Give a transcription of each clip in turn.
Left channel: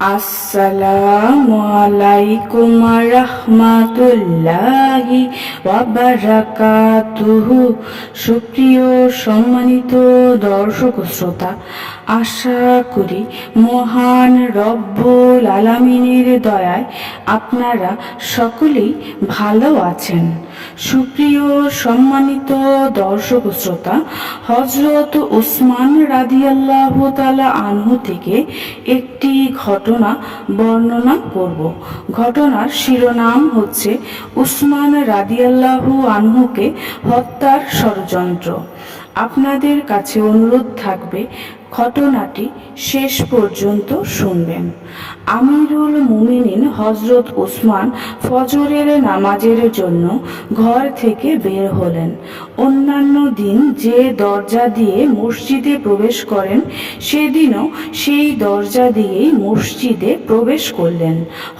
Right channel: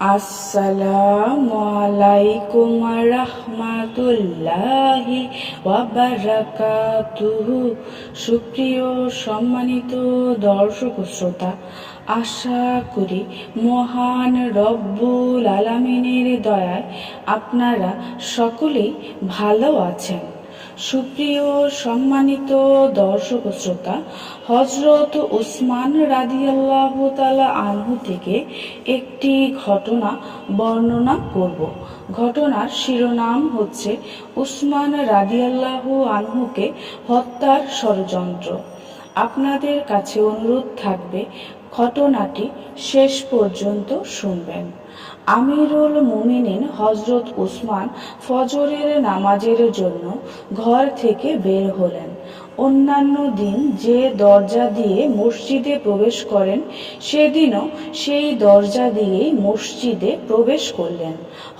আসসালামু আলাইকুম রাহমাতুল্লাহি ওয়া বারাকাতুহু। সুপ্রিয় সম্মানিত দর্শক শ্রোতা, আশা করি মহান রব্বুল আলামিনের দয়ায় আপনারা সকলেই ভালো আছেন। সুপ্রিয় সম্মানিত দর্শক শ্রোতা, হযরত উসমান রাদিয়াল্লাহু তাআলা আনহু থেকে একটি ঘটনা বর্ণনা করব। ঘটনার শিরোনাম হচ্ছে উসমান রাদিয়াল্লাহু আনহুকে হত্যার ষড়যন্ত্র। আপনাদের কাছে অনুরোধ থাকবে ঘটনাটি শেষ পর্যন্ত শুনবেন। আমিরুল মুমিনিন হযরত উসমান ফজরের নামাজের জন্য ঘর থেকে বের হলেন। অন্যান্য দিন যে দরজা দিয়ে মসজিদে প্রবেশ করেন, সেদিনও সেই দরজা দিয়েই মসজিদে প্রবেশ করলেন।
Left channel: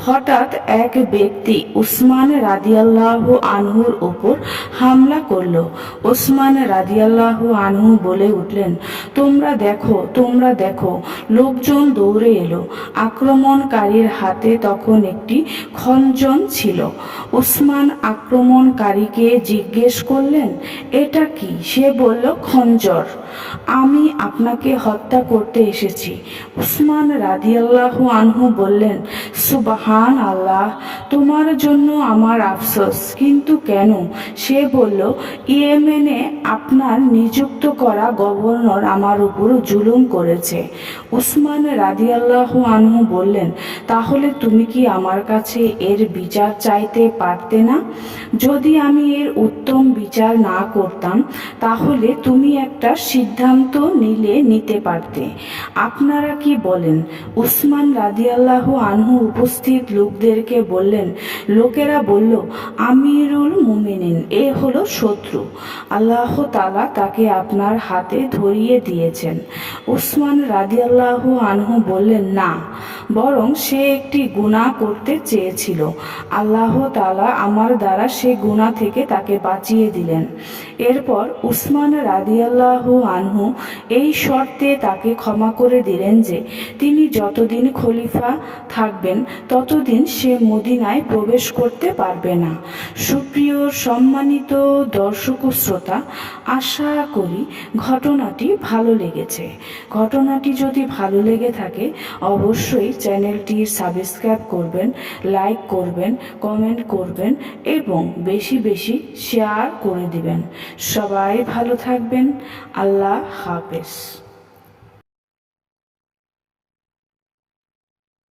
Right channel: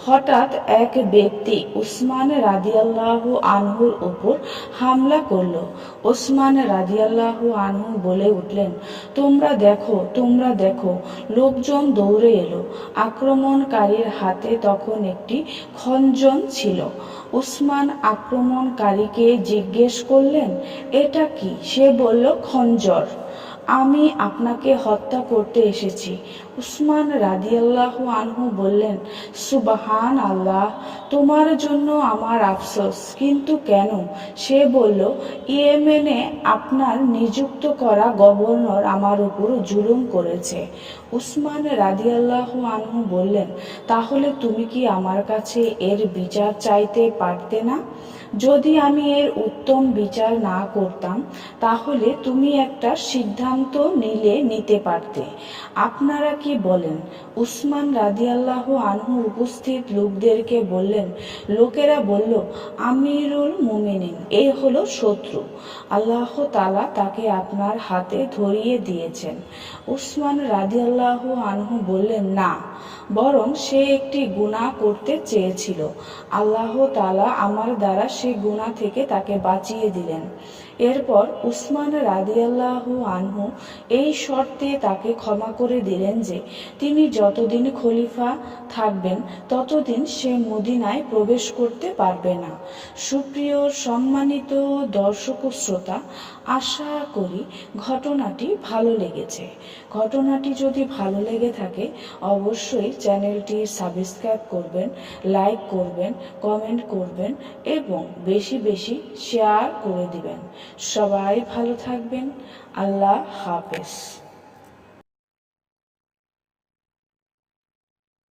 হঠাৎ এক ব্যক্তি উসমান রাদিয়াল্লাহু আনহুর উপর হামলা করল। উসমান রাদিয়াল্লাহু আনহু বলে উঠলেন, তোমরা দেখো, তোমরা দেখো। লোকজন দৌড়ে এলো। আক্রমণকারীর হাতে তখন একটি খঞ্জন ছিল। উসমান আক্রমণকারীকে জিজ্ঞেস করলেন, এটা কি? সে বলল, খঞ্জর। আমি আপনাকে হত্যা করতে এসেছি। উসমান রাদিয়াল্লাহু আনহু বললেন, সুবহান আল্লাহ, তোমার জন্য আমার আফসোস, কিন্তু কেন? সে বলল, ইয়েমেনে আপনার নিযুক্ত করা গভর্নর আমার উপর জুলুম করেছে। উসমান রাদিয়াল্লাহু আনহু বললেন, তাহলে তুমি কি আমার কাছে এর বিচার চাইতে পারতে না? যদি আমি এর উত্তম বিচার না করতাম, তাহলে তুমি একটা সিদ্ধান্ত নিতে পারতে। আপনারা কি বলেন? উসমান রাদিয়াল্লাহু আনহু উপস্থিত লোকদেরকে বললেন। লোকেরা বলল, আমিরুল মুমিনিন এ হলো শত্রু। আল্লাহ তাআলা তাকে আপনার হাতে ধরিয়ে দিয়েছেন। উসমান রাদিয়াল্লাহু আনহু বললেন, না, বরং সে একটি গুনাহ করতে চেয়েছিল। আল্লাহ তাআলা আমার দ্বারা সে গুনাহ থেকে তাকে বাঁচিয়ে দিলেন। এরপর উসমান রাদিয়াল্লাহু আনহু এই শর্তে তাকে ক্ষমা করে দিলেন যে তিনি যতদিন খলিফা থাকবেন ততদিন সে মদিনায় প্রবেশ করতে পারবে না। সুপ্রিয় সম্মানিত দর্শক শ্রোতা, আশা করি ঘটনাটি ভালো লেগেছে। ঘটনাটি যদি ভালো লেগে থাকে অবশ্যই চ্যানেলটি সাবস্ক্রাইব করবেন, লাইক করবেন, কমেন্ট করবেন এবং বেশি বেশি শেয়ার করে দিবেন। সবাই ভালো থাকবেন। আল্লাহ হাফেজ।